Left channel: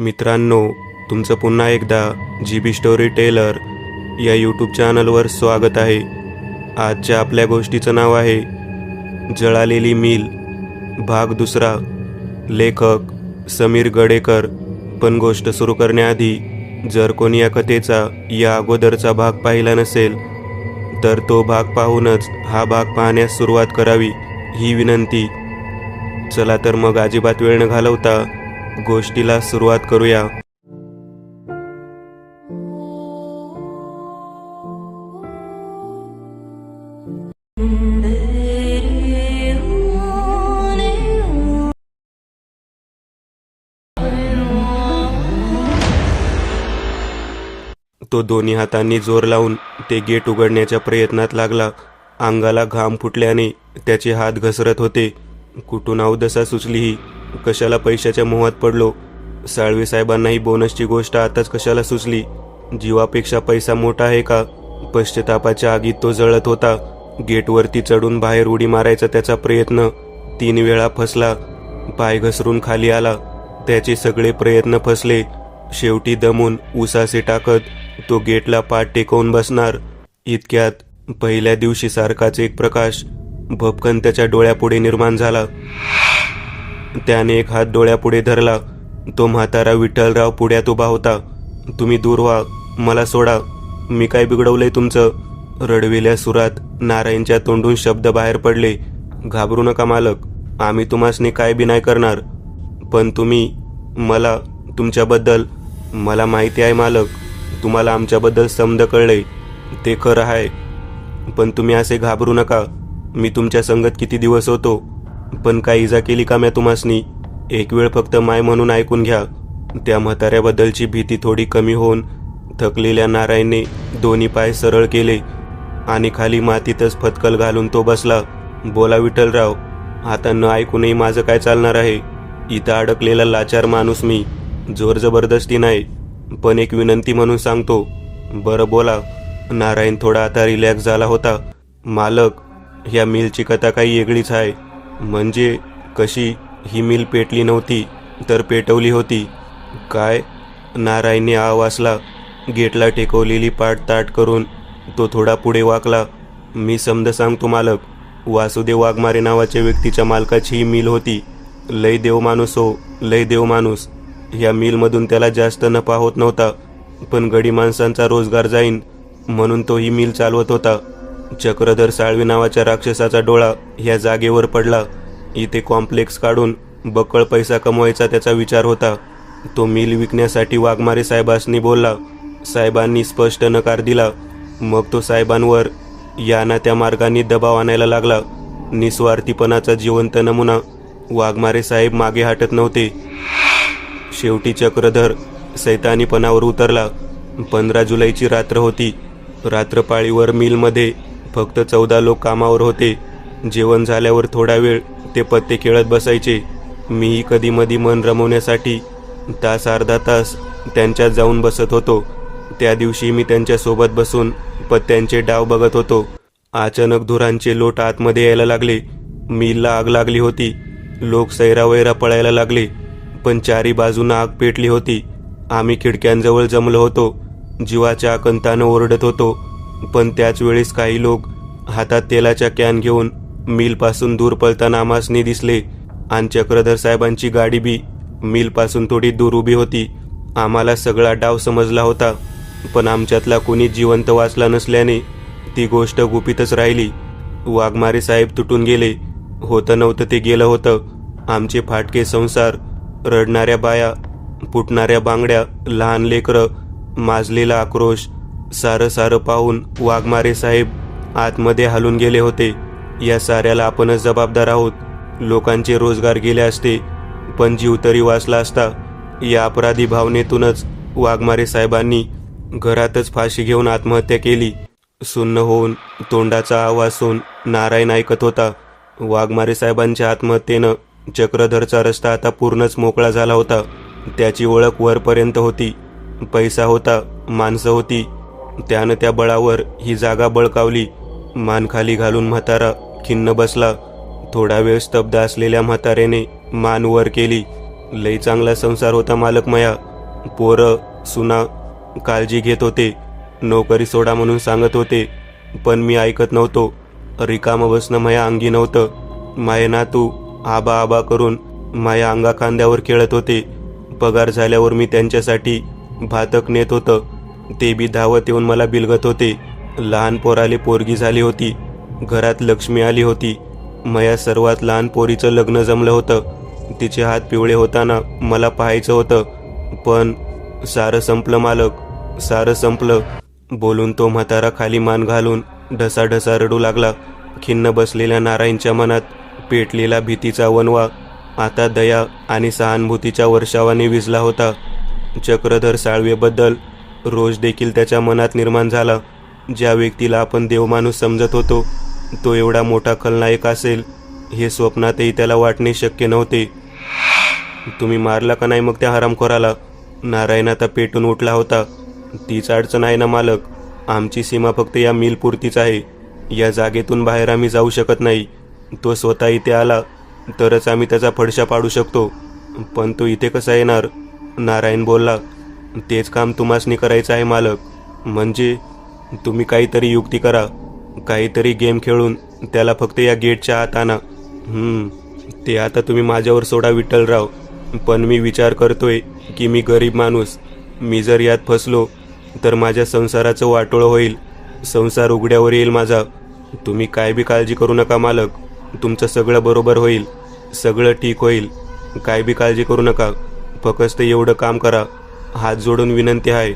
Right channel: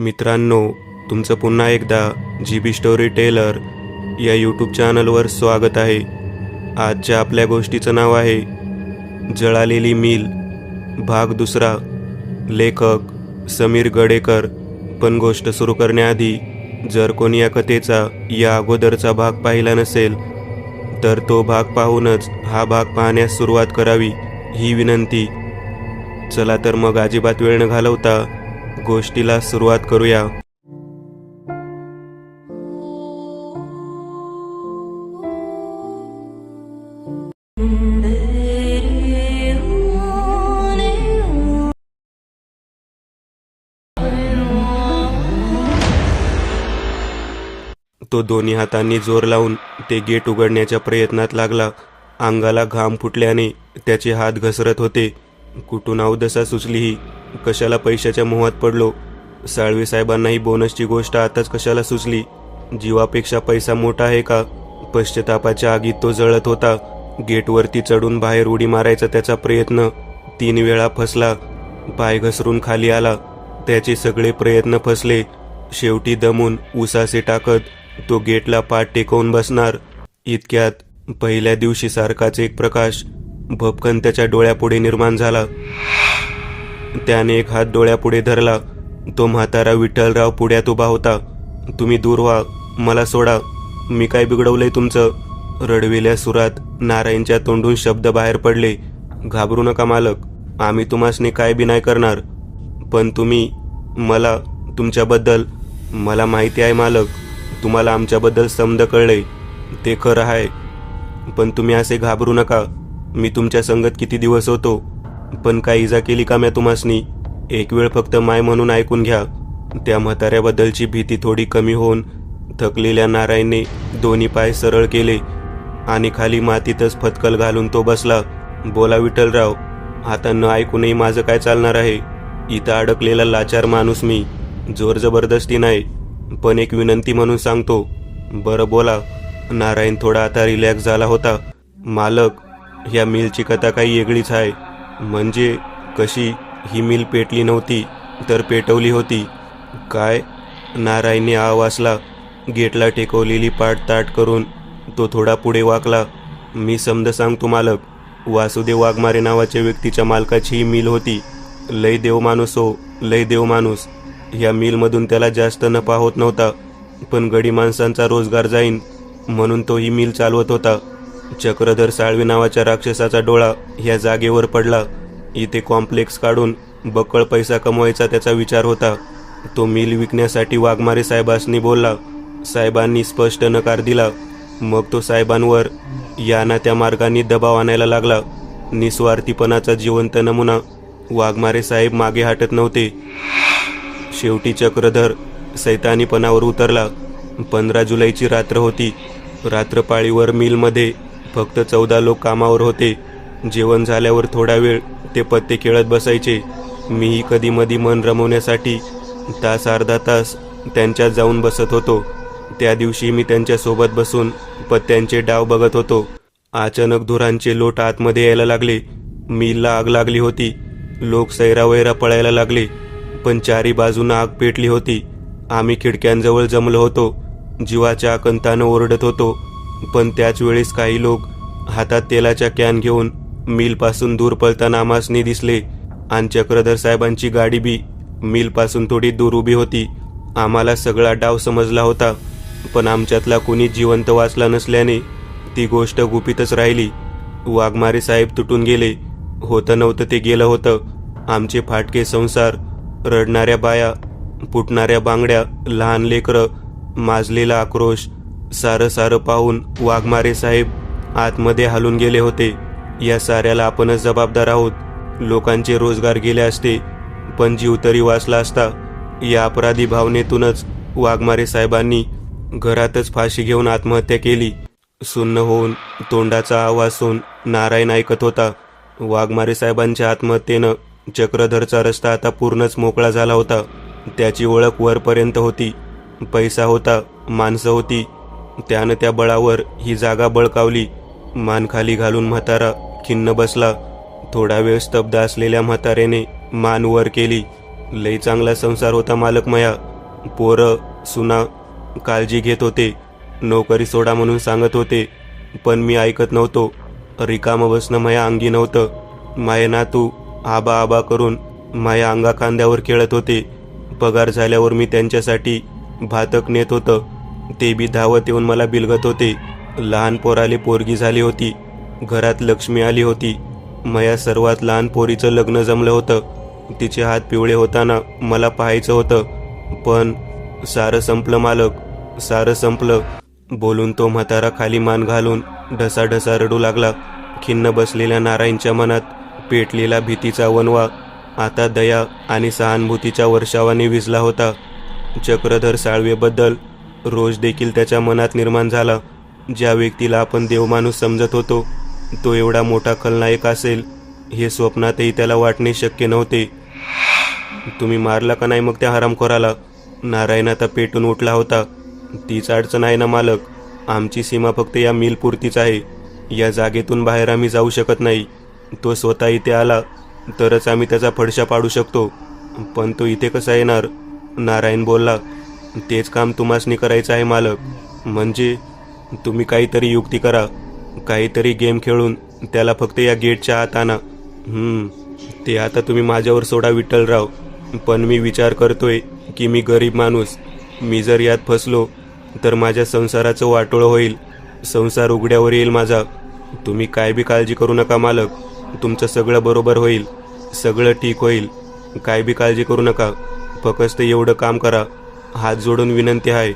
मित्रांनो, तुमचं पुन्हा एकदा GB स्टोरी टेलर या यूट्यूब चॅनलवर स्वागत आहे. आजच्या आपल्या गोष्टीचं नाव आहे जळालेली मिल, भाग दुसरा. लेखक समीर गडेकर. पण गोष्ट सुरू करण्याआधी जर कोणी या कथेचा या अगोदरचा भाग पाहिला नसेल तर तो भाग पाहूनच हा भाग पाहण्यास सुरुवात करावी ही विनंती. चला तर मग अजिबात वेळ न घालवता गोष्टीला सुरुवात करूया. तो दोन्ही हातांनी जोर लावून ते गेट उघडण्याच्या प्रयत्नात लागला. अंगाला घाम फुटल्याने त्याचे हात घसरत होते. कुठून अवदसा सुचली ही? कशाला पैशाच्या मोहात पडलो? साळवे साहेबांनाही बोनसची गोष्ट आताच कशाला सुचली? जीवापेक्षा पैसा मोठा आहे का? पश्चातापाच्या आगीत तो जळत होता. गेटवरती चढून बाहेर उडी मारायचा त्याचा प्रयत्न 3 वेळा फसला. पाय घसरून खाली आला. त्याचे सगळे प्रयत्न फसले. शेवटी दमून उसासे टाकत तो गेटला पाठ टेकवून बसणार इतक्यात पहिल्या दिवशी सारखाच एक प्रकाश भपकन त्याच्या डोळ्यापुढे निर्माण झाला. त्याने एक हात डोळ्यापुढे धरला. तो म्हातारा विठ्ठलराव पुढ्यात उभा होता. तुम्ही दूर व्हा, मला सोडा. मी काय बिघडवलंय तुमचं? रडवेल्या सुरात नारायणच्या तोंडून शब्द बाहेर पडले. घाबरू नका मालक, आम्ही तुम्हासने काय बी नाही करणार. पण तुम्ही मला तुमच्याबद्दल. मला माहिती आहे मालक, तुम्हाला आमच्याबद्दल समज कळले, ते खरं आहे. पण तुम्ही असे घाबरू नका. मी तुमच्या संगत किती दिवस होतो, पण काय इजा केली का म्या तुम्हासनी? एक वेळ फक्त माय म्हणून ऐकून घ्या. त्या म्हाताऱ्याबद्दलची भीती थोडी कमी होऊन थकलेल्या नारायणने दोन्ही पाय सरळ केले आणि खाली मातीतच फतकल घालून तो बसला. बोला विठ्ठलराव, आता न ऐकूनही माझं काय चालणार आहे? इथं अडकलेला लाचार माणूस मी, जोर जबरदस्ती नाही, पण एक विनंती म्हणून सांगतो. बरं बोला. नारायण थोडा आता रिलॅक्स झाला होता. मालक, ह्या मिलची कथा काही वेगळीच आहे. म्हणजे कशी? ही मिल पेटली नव्हती तर पेटवली होती. काय? नारायणने आवाजला. गेटला टेकवलेली पाठ ताट करून तो थोडा पुढे वाकला. मी समज सांगतो मालक. वासुदेव वाघमारे नावाच्या व्यक्तीच्या मालकाची ही मिल होती. लय देव माणूस हो, लय देव माणूस. ह्या मिलमधून त्याला जास्त नफा होत नव्हता, पण गडी माणसांचा रोजगार जाईन म्हणून तो ही मिल चालवत होता. चक्रधर साळवी नावाच्या राक्षसाचा डोळा ह्या जागेवर पडला. इथे कॉम्प्लेक्स काढून बक्कळ पैसा कमवायचा त्याचा विचार होता. तो मिल विकण्यासाठी वाघमारे साहेबांनी बोलला. साहेबांनी स्पष्ट नकार दिला. मग तो साहेबांवर या ना त्या मार्गाने दबाव आणायला लागला. निस्वार्थीपणाचा जिवंत नमुना. वाघमारे साहेब मागे हटत नव्हते. शेवटी चक्रधर सैतानीपणावर उतरला. 15 जुलैची रात्र होती. रात्रपाळीवर मिलमध्ये फक्त 14 लोक कामावर होते. जेवण झाल्यावर थोडा वेळ ते पत्ते खेळत बसायचे. मीही कधी मधी मन रमवण्यासाठी तास अर्धा तास त्यांच्यात जाऊन बसत होतो. त्या दिवशी मी त्यांच्यासोबत बसून पत्त्यांचे डाव बघत होतो. अचानक धुरांचे लोट आतमध्ये यायला लागले. मिलला आग लागली होती. लोक सैरावैरा पळायला लागले, पण चारी बाजूनं आग पेटली होती. आम्ही खिडक्यांजवळ जमलो होतो. जीवाच्या आकंतानं ओरडत होतो. पण त्याच वेळेस काही लोक हातात तेलाच्या कॅन घेऊन मिलपासून दूर पळताना आम्हासनी दिसले. आणि चक्रधर साहेबांची गाडी बी मिलपासून थोडी दूर उभी होती. आम्हाला सगळा डाव समजला होता, पण आमच्यातला कोणी जिवंत वाचला नसल्याने ती गोष्ट गुपितच राहिली. वाघमारे साहेब तुटून गेले. होतं नव्हतं ते गेलं होतं. आमचे फाटके संसार, रडणाऱ्या बाया, फुटणाऱ्या बांगड्या, लहान लेकरं, माजलेला आक्रोश, सारं सारं पाहून वाघमारे साहेब आतमध्ये हलून गेले होते. या साऱ्याला आपणच जबाबदार आहोत. लोकांचे रोजगार गेले असते, पण जीव तरी वाचला असता. या अपराधी भावनेतूनच वाघमारे साहेबांनी घरातच फाशी घेऊन आत्महत्या केली. सुन्न होऊन तोंडाचा आवाज होऊन नारायण ऐकत होता. वाघमारे साहेबांच्या आत्महत्येनं चक्रधरचा रस्ता आता पूर्णच मोकळा झाला होता. त्याची ओळख वरपर्यंत होती. पैसा होता, माणसं होती. त्यानं त्या बळावर ही जागा बळकावली. मान खाली घालून म्हातारा खिन्न बसला. थोडा वेळ स्तब्ध असलेल्या म्हाताऱ्याने मान वर केली. लई चांगला संसार होता मालक मया. पोरं सुना काळजी घेत होते, नोकरी सोडा म्हणून सांगत होते, पण मी ऐकत नव्हतो. रिकामं बसणं माया अंगी नव्हतं. माये नातू आबा आबा करून माया अंगा खांद्यावर खेळत होते. पगार झाल्यावर मी त्यांच्यासाठी भातक नेत होतं. ते बी धावत येऊन मला बिलगत होते. लहान पोराले पोरगी झाली होती. घरात लक्ष्मी आली होती. माया सर्वात लहान पोरीचं लग्न जमलं होतं. तिचे हात पिवळे होताना मला पाहायचं होतं. पण सारं संपलं मालक, सारं संपलं. बोलून तो म्हातारा खाली मान घालून ढसाढसा रडू लागला. खिन्न बसलेल्या नारायणच्या मनात पेटलेला भीतीचा वणवा आता दया आणि सहानुभूतीच्या वर्षावाने विझला होता. चक्रधर साळवेबद्दल रोष देखील त्याच्या मनात निर्माण झाला. ज्या व्यक्तीला आपण देवमाणूस समजत होतो, तो एवढा मोठा खलनायक असेल हे स्वप्नातही त्याला वाटणे शक्य नव्हते. तुम्ही मारला का नाही मग त्या हरामखोराला? नारायण आता पेटून उठला होता. तीच अडचण आहे ना मालक, आमची सीमा फक्त या मिलपुरतीच आहे. या जागेतून बाहेर आम्ही जाऊ शकत नाही. तो स्वतः इथे आला तरच आम्ही त्याचा फडशा पाडू शकतो. पण तो इथे कसा येणार? नारायण बोलला. तेच काम तुम्हासनी करायचं आहे मालक. म्हणजे तुम्ही काहीतरी युक्ती करा, काहीतरी गेम खेळून त्याला फक्त या गेटच्या आत आणा. ते आता तुम्ही माझ्यावर सोडा विठ्ठलराव, पण मी विचार करतोय की मी गरीब माणूस. मी जर यात फसलो तर माझ्या संसाराचं वाटोळं होईल. संसार उघड्यावर येईल माझा. तुम्ही काय बी काळजी करू नका मालक. तुमचं सगळं बरोबर होईल, सगळं ठीक होईल. काय बी काळजी करू नका. फक्त एवढं काम करा. हात जोडून विनंती आहे.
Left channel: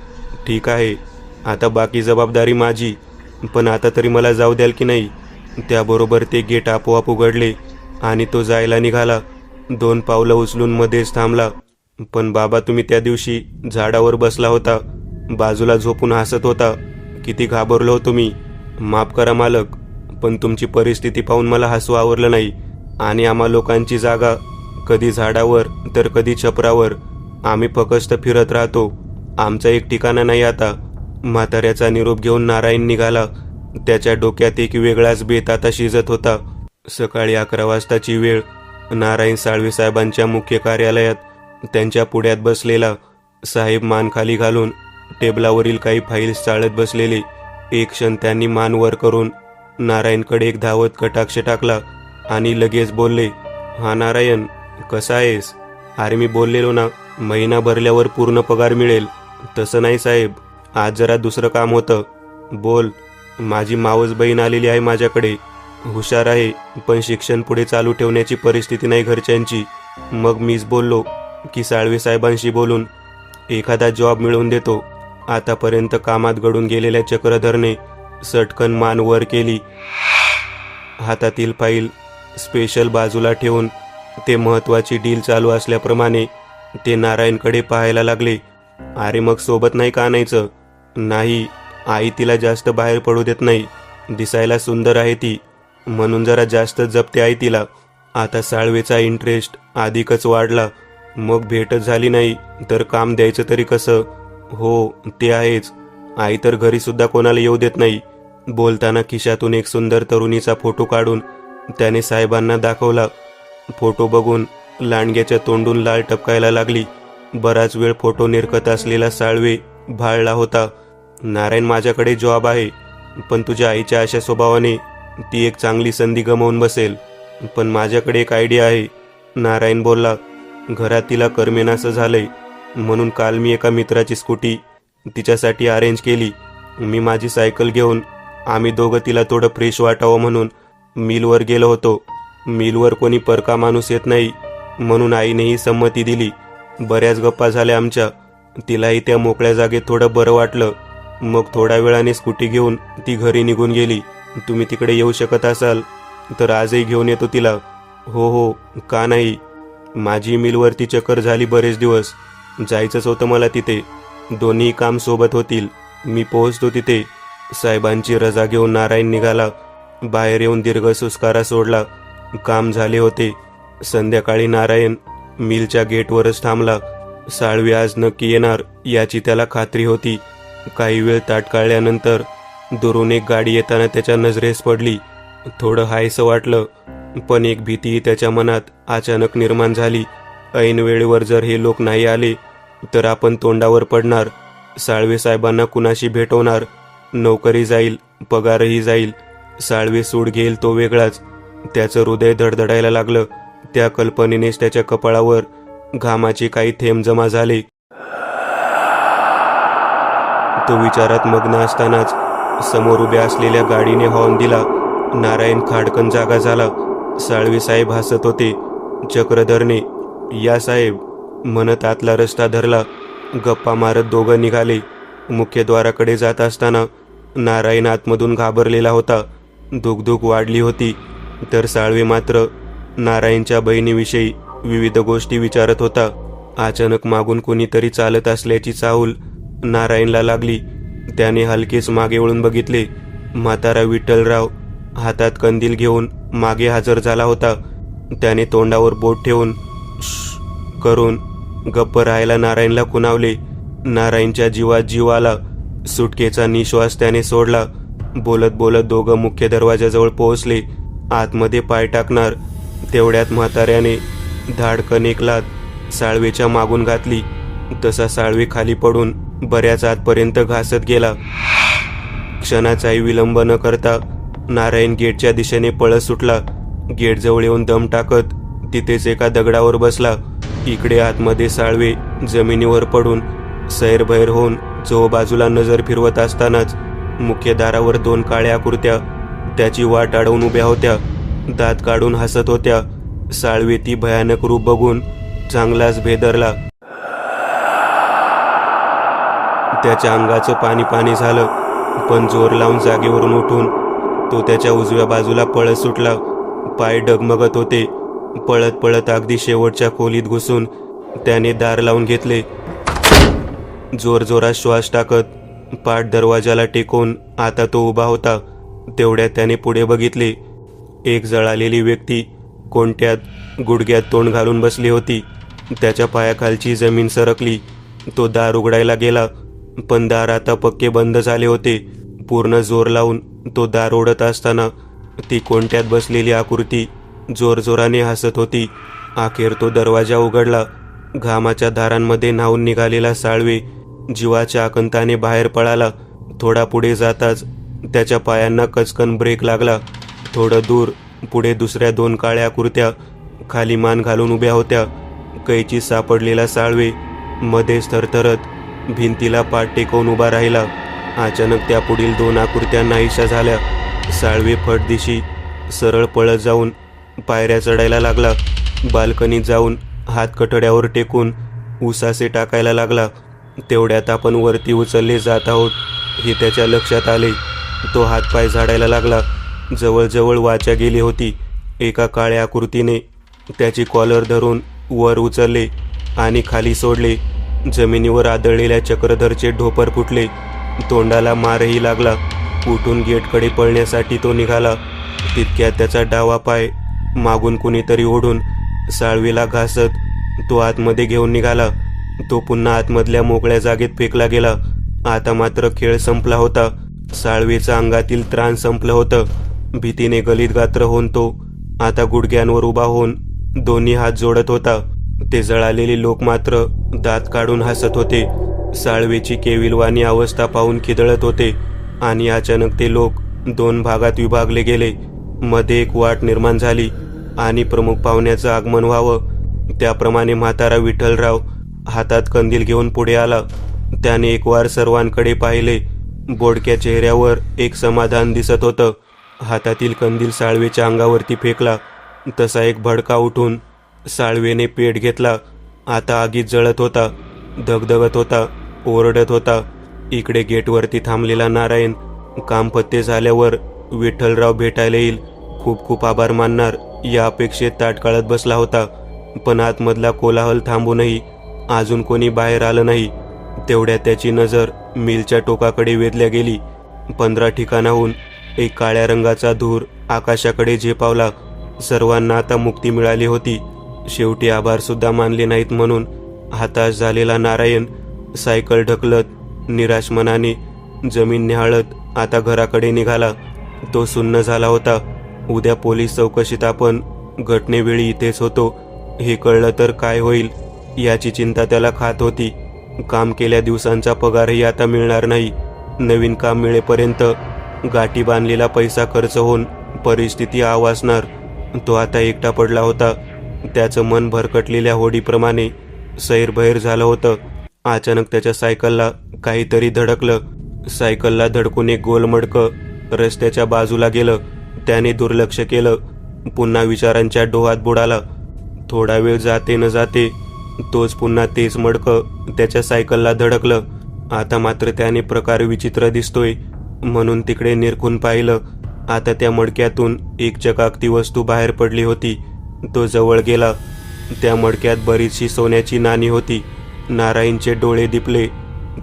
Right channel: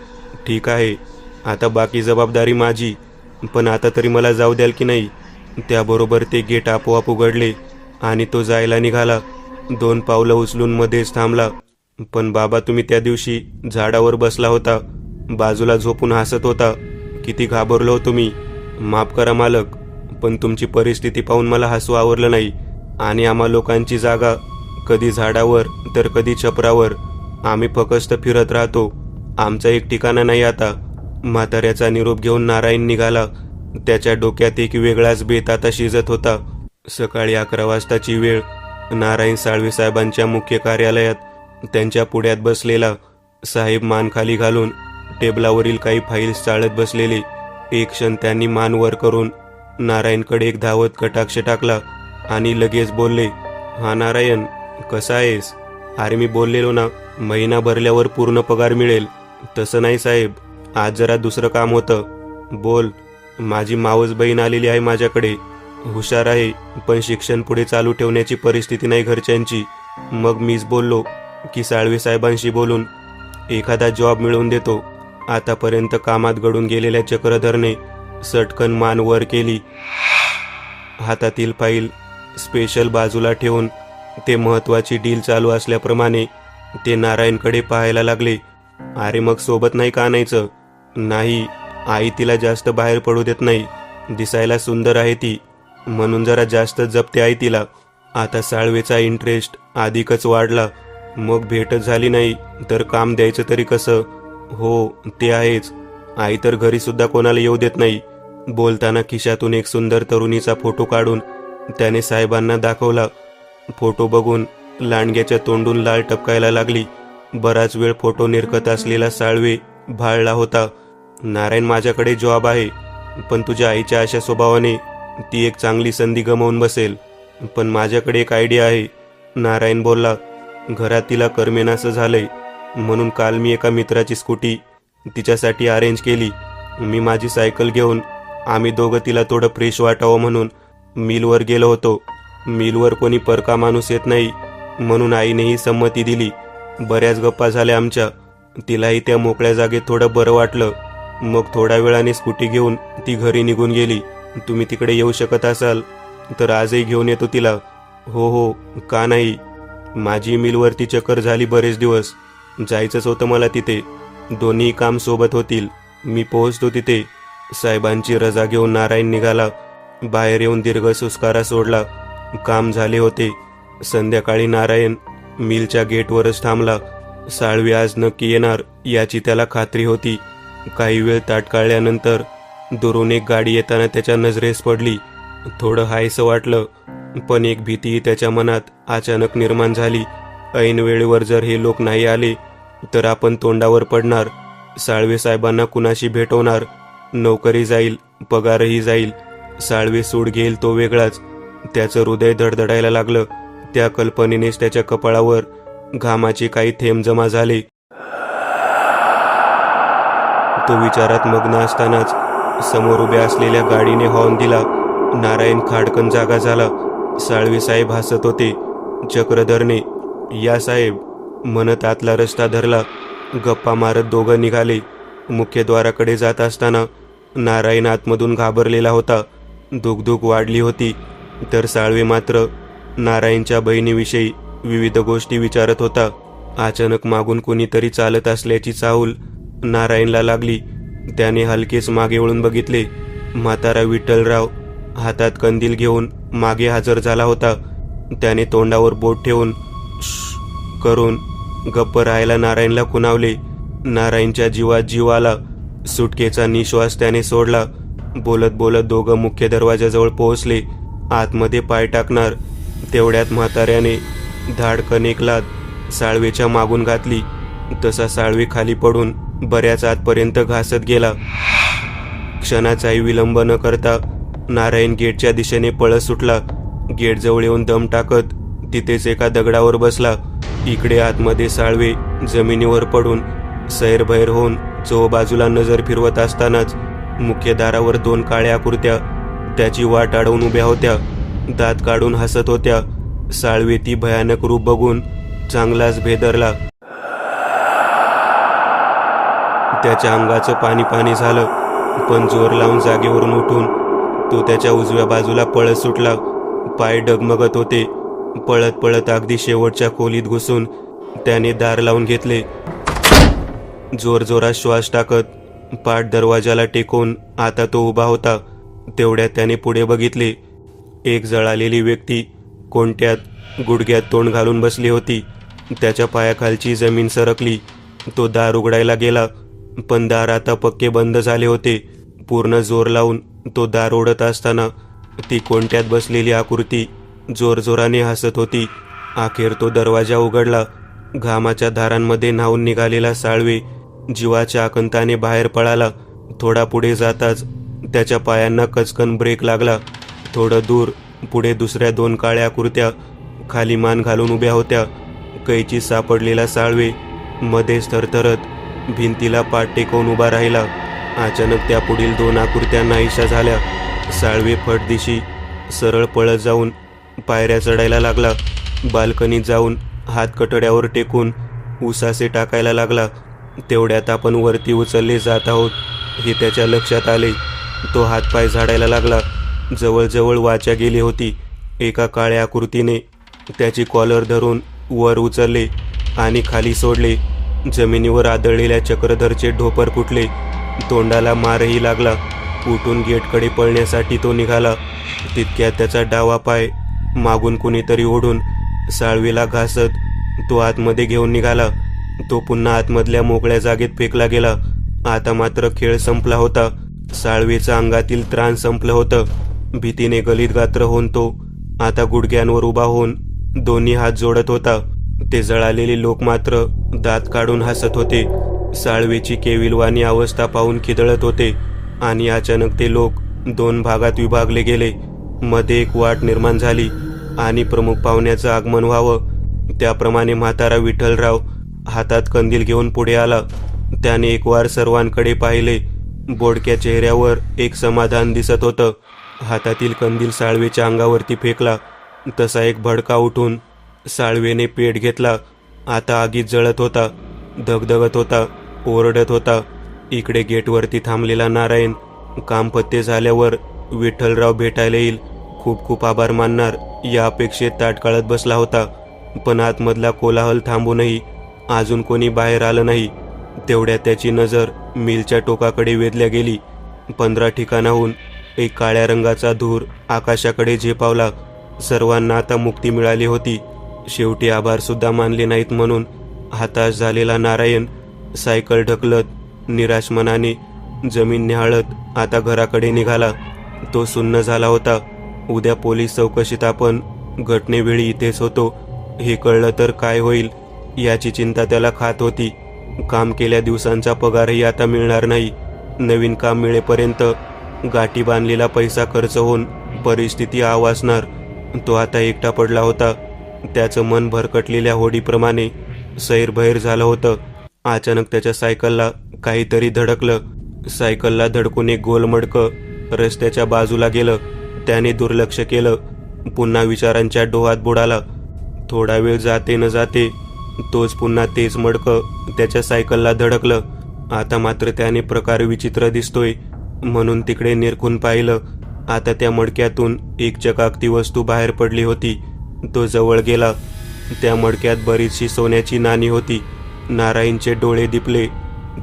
ठीक आहे, आता बाकी जबाबदारी माझी. पण आता तरी मला जाऊ द्याल की नाही? त्याबरोबर ते गेट आपोआप उघडले आणि तो जायला निघाला. 2 पावलं उचलून मध्येच थांबला. पण बाबा, तुम्ही त्या दिवशी झाडावर बसला होता, बाजूला झोपून हसत होता. किती घाबरलो होतो मी. माफ करा मालक, पण तुमची परिस्थिती पाहून मला हसू आवरलं नाही. आणि आम्हा लोकांची जागा कधी झाडावर तर कधी छपरावर. आम्ही फक्त फिरत राहतो. आमचा एक ठिकाणा नाही आता. म्हाताऱ्याचा निरोप घेऊन नारायण निघाला. त्याच्या डोक्यात एक वेगळाच बेत आता शिजत होता. सकाळी 11 वाजताची वेळ. नारायण साळवे साहेबांच्या मुख्य कार्यालयात त्यांच्या पुढ्यात बसलेला. साहेब मान खाली घालून टेबलावरील काही फाईल्स चाळत बसलेले. एक क्षण त्यांनी मान वर करून नारायणकडे एक धावत कटाक्ष टाकला आणि लगेच बोलले, हा नारायण, कसा आहेस? अरे मी बोललेलो ना, महिना भरल्यावर पूर्ण पगार मिळेल. तसं नाही साहेब, आज जरा दुसरं काम होतं. बोल. माझी मावस बहीण आलेली आहे माझ्याकडे. हुशार आहे, पण शिक्षण पुढे चालू ठेवण्याची परिस्थिती नाही घरच्यांची. मग मीच बोललो की साळवे साहेबांशी बोलून एखादा जॉब मिळवून देतो. आतापर्यंत कामात गडून गेलेल्या चक्रधरने सटकन मान वर केली. हातातील फाईल स्पेशल बाजूला ठेवून ते महत्वाची डील चालू असल्याप्रमाणे ते नारायणकडे पाहायला लागले. अरे मग सोबत नाही का आणायचं? नाही, आई तिला जास्त बाहेर पडू देत नाही. दिसायला सुंदर आहे ती, म्हणून जरा जास्त जपते आई तिला. आता साळवेचा इंटरेस्ट अधिकच वाढला. मग भेटच झाली नाही तर काम द्यायचं तरी कसं? हो, ते आहेच. आई तर घरी सुद्धा कोणाला येऊ देत नाही. बोलताना खिशातून एक सुंदर तरुणीचा फोटो काढून त्याने साहेबांना दाखवला. फोटो बघून लांडग्याच्या तोंडून लाळ टपकायला लागली. बराच वेळ फोटो निरखत असलेला साळवे भाळला होता. नारायण, माझ्याकडे जॉब आहे, पण तुझ्या आईच्या अशा स्वभावाने ती एक चांगली संधी गमावून बसेल. पण माझ्याकडे एक आयडिया आहे, नारायण बोलला. घरात तिला करमेनासं झालंय, म्हणून काल मी एका मित्राची स्कूटी तिच्यासाठी अरेंज केली. मी माझी सायकल घेऊन आम्ही दोघं तिला थोडं फ्रेश वाटावं म्हणून मिलवर गेलो होतो. मिलवर कोणी परका माणूस येत नाही, म्हणून आईनेही संमती दिली. बऱ्याच गप्पा झाल्या आमच्या. तिलाही त्या मोकळ्या जागेत थोडं बरं वाटलं. मग थोड्या वेळाने स्कूटी घेऊन ती घरी निघून गेली. तुम्ही तिकडे येऊ शकत असाल तर आजही घेऊन येतो तिला. हो हो, का नाही. माझी मिलवरती चक्कर झाली बरेच दिवस. जायचंच होतं मला तिथे. दोन्ही काम सोबत होतील. मी पोहोचतो तिथे. साहेबांची रजा घेऊन नारायण निघाला. बाहेर येऊन दीर्घ सुस्कारा सोडला. काम झाले होते. संध्याकाळी नारायण मिलच्या गेटवरच थांबला. साळवे आज नक्की येणार याची त्याला खात्री होती. काही वेळ ताटकाळल्यानंतर दुरून एक गाडी येताना त्याच्या नजरेस पडली. थोडं हायसं वाटलं, पण एक भीतीही त्याच्या मनात अचानक निर्माण झाली. ऐन वेळेवर जर हे लोक नाही आले तर आपण तोंडावर पडणार. साळवे साहेबांना कुणाशी भेटवणार? नोकरी जाईल, पगारही जाईल. साळवे सूड घेईल तो वेगळाच. त्याचं हृदय धडधडायला लागलं. त्या कल्पनेनेच त्याच्या कपाळावर घामाचे काही थेंब जमा झाले. तो विचारात मग्न असतानाच समोर उभ्या असलेल्या गाडीने हॉर्न दिला. नारायण खाडकन जागा झाला. साळवे साहेब हसत होते. चक्रधरने या साहेब म्हणत आतला रस्ता धरला. गप्पा मारत दोघं निघाले. मुख्यद्वाराकडे जात असताना नारायण आतमधून घाबरलेला होता. दुगदुग वाढली होती. तर साळवे मात्र नारायणच्या बहिणीविषयी विविध गोष्टी विचारत होता. अचानक मागून कोणीतरी चालत असल्याची चाहूल नारायणला लागली. त्याने हलकेच मागे वळून बघितले. म्हातारा विठ्ठलराव हातात कंदील घेऊन मागे हजर झाला होता. त्याने तोंडावर बोट ठेवून श्श करून गप्प राहायला नारायणला खुणावले. नारायणच्या जीवात जीव आला. सुटकेचा निश्वास त्याने सोडला. बोलत बोलत दोघं मुख्य दरवाजाजवळ पोहोचले. आतमध्ये पाय टाकणार तेवढ्यात म्हाताऱ्याने धाडकन एक लाथ साळवेच्या मागून घातली. तसा साळवे खाली पडून बऱ्याच आतपर्यंत घासत गेला. क्षणाचाही विलंब न करता नारायण गेटच्या दिशेने पळत सुटला. गेटजवळ येऊन दम टाकत तिथेच एका दगडावर बसला. इकडे आतमध्ये साळवे जमिनीवर पडून सैरभैर होऊन चोबाजूला नजर फिरवत असतानाच मुख्य दारावर 2 काळ्या आकृत्या त्याची वाट अडवून उभ्या होत्या. दात काढून हसत होत्या. साळवे ती भयानक रूप बघून चांगलाच भेदरला. त्याच्या अंगाचं पाणी पाणी झालं. पण जोर लावून जागेवरून उठून तो त्याच्या उजव्या बाजूला पळत सुटला. पाय डगमगत होते. पळत पळत अगदी शेवटच्या खोलीत घुसून त्याने दार लावून घेतले. जोरजोरात श्वास टाकत पाठ दरवाजाला टेकवून आता तो उभा होता. तेवढ्यात त्याने पुढे बघितले. एक जळालेली व्यक्ती कोणत्यात गुडघ्यात तोंड घालून बसली होती. त्याच्या पायाखालची जमीन सरकली. तो दार उघडायला गेला, पण दार आता पक्के बंद झाले होते. पूर्ण जोर लावून तो दार ओढत असताना ती कोणत्यात बसलेली आकृती जोरजोराने हसत होती. अखेर तो दरवाजा उघडला. घामाच्या धारांमध्ये न्हावून निघालेला साळवे जीवाच्या आकंताने बाहेर पळाला. थोडा पुढे जाताच त्याच्या पायांना कचकन ब्रेक लागला. थोडं दूर पुढे दुसऱ्या 2 काळ्या आकृत्या खाली मान घालून उभ्या होत्या. कैची सापडलेला साळवे मध्येच थरथरत भिंतीला पाठ टेकवून उभा राहिला. अचानक त्या पुढील 2 आकृत्या नाहीशा झाल्या. साळवे फटदिशी सरळ पळत जाऊन पायऱ्या चढायला लागला. बाल्कनीत जाऊन हात कटड्यावर टेकून उसासे टाकायला लागला. तेवढ्यात आपण वरती उचलले जात आहोत हे त्याच्या लक्षात आले. तो हातपाय झाडायला लागला. जवळजवळ वाचा गेली होती. एका काळ्या आकृतीने त्याची कॉलर धरून वर उचलले आणि खाली सोडले. जमिनीवर आदळलेल्या चक्रधरचे ढोपर फुटले. तोंडाला मारही लागला. उठून गेटकडे पळण्यासाठी तो निघाला. तितक्यात त्याचा डावा पाय मागून कुणीतरी ओढून साळवेला घासत तो आतमध्ये घेऊन निघाला. तो पुन्हा आतमधल्या मोकळ्या जागेत फेकला गेला. आता मात्र खेळ संपला होता. साळवेचा अंगातील त्राण संपलं होतं. भीतीने गलित गात्र होऊन तो आता गुडघ्यांवर उभा होऊन दोन्ही हात जोडत होता. ते जळालेले लोक मात्र दात काढून हसत होते. साळवेची केविलवाणी अवस्था पाहून खिदळत होते. आणि अचानक ते लोक 2 भागात विभागले गेले. मध्ये एक वाट निर्माण झाली आणि प्रमुख पाहुण्याचं आगमन व्हावं त्याप्रमाणे म्हातारा विठ्ठलराव हातात कंदील घेऊन पुढे आला. त्याने एक वार सर्वांकडे पाहिले. बोडक्या चेहऱ्यावर एक समाधान दिसत होतं. हातातील कंदील साळवेच्या अंगावरती फेकला. तसा एक भडका उठून साळवेने पेट घेतला. आता आगीत जळत होता, धगधगत होता, ओरडत होता. इकडे गेटवरती थांबलेला नारायण काम पत्ते झाल्यावर विठ्ठलराव भेटायला येईल, खूप खूप आभार मानणार या अपेक्षेत ताटकळत बसला होता. पण आतमधला कोलाहल थांबूनही अजून कोणी बाहेर आलं नाही. तेवढ्यात त्याची नजर मिलच्या टोकाकडे वेधल्या गेली. 15 ठिकाणाहून एक काळ्या रंगाचा धूर आकाशाकडे झेपावला. सर्वांना आता मुक्ती मिळाली होती. शेवटी आभार सुद्धा मानले नाहीत म्हणून हताश झालेला नारायण सायकल ढकलत निराश मनाने जमीन निहाळत आता घराकडे निघाला. तो सुन्न झाला होता. उद्या पोलीस चौकशीत आपण घटनेवेळी इथेच होतो हे कळलं तर काय होईल याची चिंता त्याला खात होती. काम केल्या दिवसांचा पगारही आता मिळणार नाही. नवीन काम मिळेपर्यंत गाठी बांधलेला पैसा खर्च होऊन परिस्थिती आवासणार. तो आता एकटा पडला होता. त्याचं मन भरकटलेल्या होडीप्रमाणे सैरभैर झालं होतं. अचानक त्याच्या सायकलला काहीतरी धडकलं. सायकलला धडकून एक गोल मडकं रस्त्याच्या बाजूला गेलं. त्याने दुर्लक्ष केलं. पुन्हा विचारांच्या डोहात बुडाला. थोडा वेळ जाते न जाते तोच पुन्हा तेच मडकं त्याच्या सायकलला धडकलं. आता मात्र त्याने प्रकार विचित्र दिसतोय म्हणून तिकडे निरखून पाहिलं. आता त्या मडक्यातून एक चकाकती वस्तू बाहेर पडली होती. तो जवळ गेला. त्या मडक्यात बरीचशी सोन्याची नाणी होती. नारायणचे डोळे दिपले.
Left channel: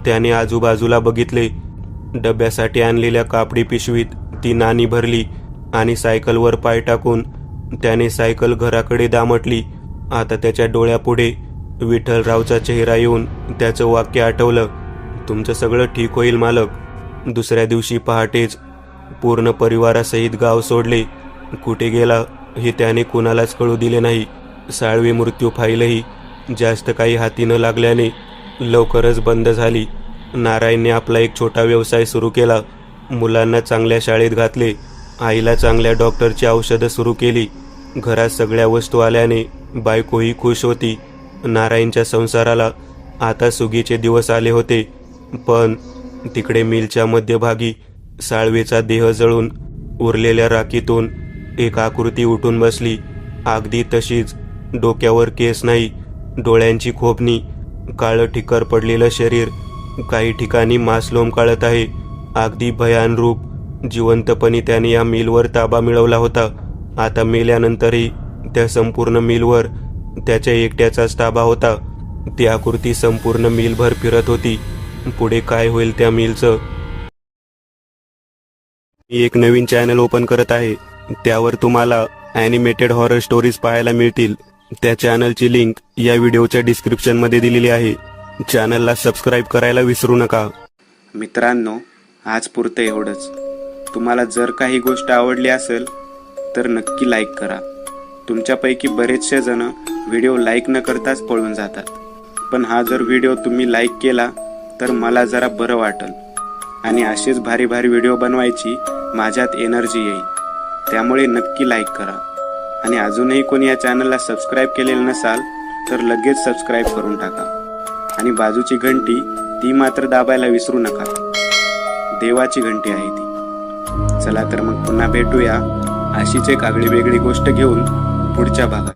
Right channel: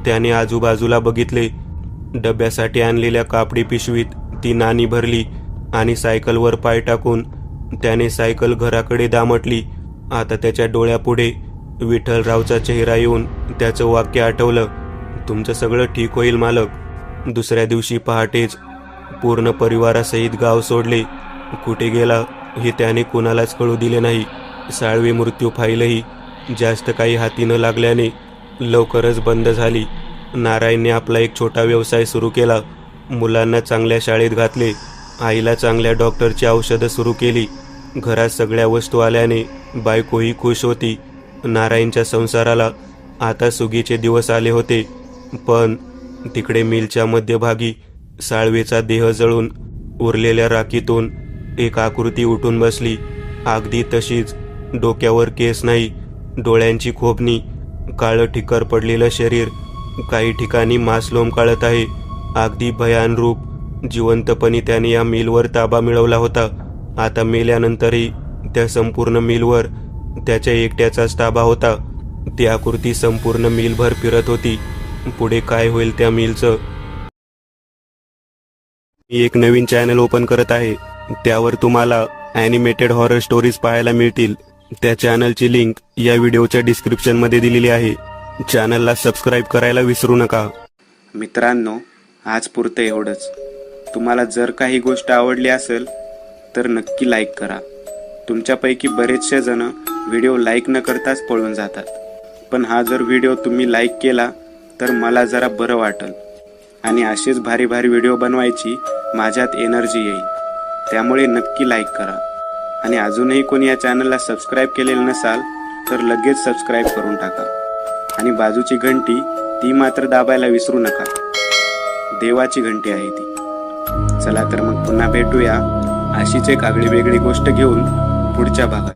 त्याने आजूबाजूला बघितले. डब्यासाठी आणलेल्या कापडी पिशवीत ती नाणी भरली आणि सायकलवर पाय टाकून त्याने सायकल घराकडे दामटली. आता त्याच्या डोळ्यापुढे विठ्ठलरावचा चेहरा येऊन त्याचं वाक्य आठवलं, तुमचं सगळं ठीक होईल मालक. दुसऱ्या दिवशी पहाटेच पूर्ण परिवारासहित गाव सोडले. कुठे गेला हे त्याने कुणालाच कळू दिले नाही. साळवी मृत्यू फाईलही जास्त काही हाती न लागल्याने लवकरच बंद झाली. नारायणने आपला एक छोटा व्यवसाय सुरू केला. मुलांना चांगल्या शाळेत घातले. आईला चांगल्या डॉक्टरची औषधं सुरू केली. घरात सगळ्या वस्तू आल्याने बायकोही खुश होती. नारायणच्या संसाराला आता सुगीचे दिवस आले होते. पण तिकडे मिलच्या मध्यभागी साळवेचा देह जळून उरलेल्या राखीतून एक आकृती उठून बसली. अगदी तशीच. डोक्यावर केस नाही, डोळ्यांची खोबणी, काळं ठिकर पडलेलं शरीर, काही ठिकाणी मांस लोंबकाळत आहे. अगदी भयान रूप. जिवंतपणी त्याने या मिलवर ताबा मिळवला होता. आता मेल्यानंतरही त्या संपूर्ण मिलवर त्याच्या एकट्याचाच ताबा होता. ती आकृती संपूर्ण मिलभर फिरत होती. पुढे काय होईल त्या मिलचं? मी एक नवीन चॅनल ओपन करत आहे. त्यावर तुम्हाला ॲनिमेटेड हॉरर स्टोरीज पाहायला मिळतील. त्या चॅनलची लिंक या व्हिडिओच्या डिस्क्रिप्शन मध्ये दिलेली आहे. चॅनलला सबस्क्राईब करायला विसरू नका. मित्रांनो, आज पुरतं एवढंच. तुम्हाला जर काही गोष्ट आवडली असेल तर नक्की लाईक करा. तुमच्यापैकी बरेचसे जण व्हिडिओ लाईक न करताच पळून जातात. पण हा जर व्हिडिओ तुम्ही लाईक केला तर मला जरा बरं वाटेल आणि असेच भारी भारी व्हिडिओ बनवायची माझ्यात एनर्जी येईल. त्यामुळे नक्की लाईक करा. आणि अजूनही कोणी या चॅनलला सबस्क्राईब केलेलं नसाल तर लगेच सबस्क्राईब करून टाका. आणि बाजूची घंटी ती मात्र दाबायला विसरू नका. देवाची घंटी आहे ती. चला तर मग पुन्हा भेटूया अशीच एक आगळी वेगळी गोष्ट घेऊन पुढच्या भागात.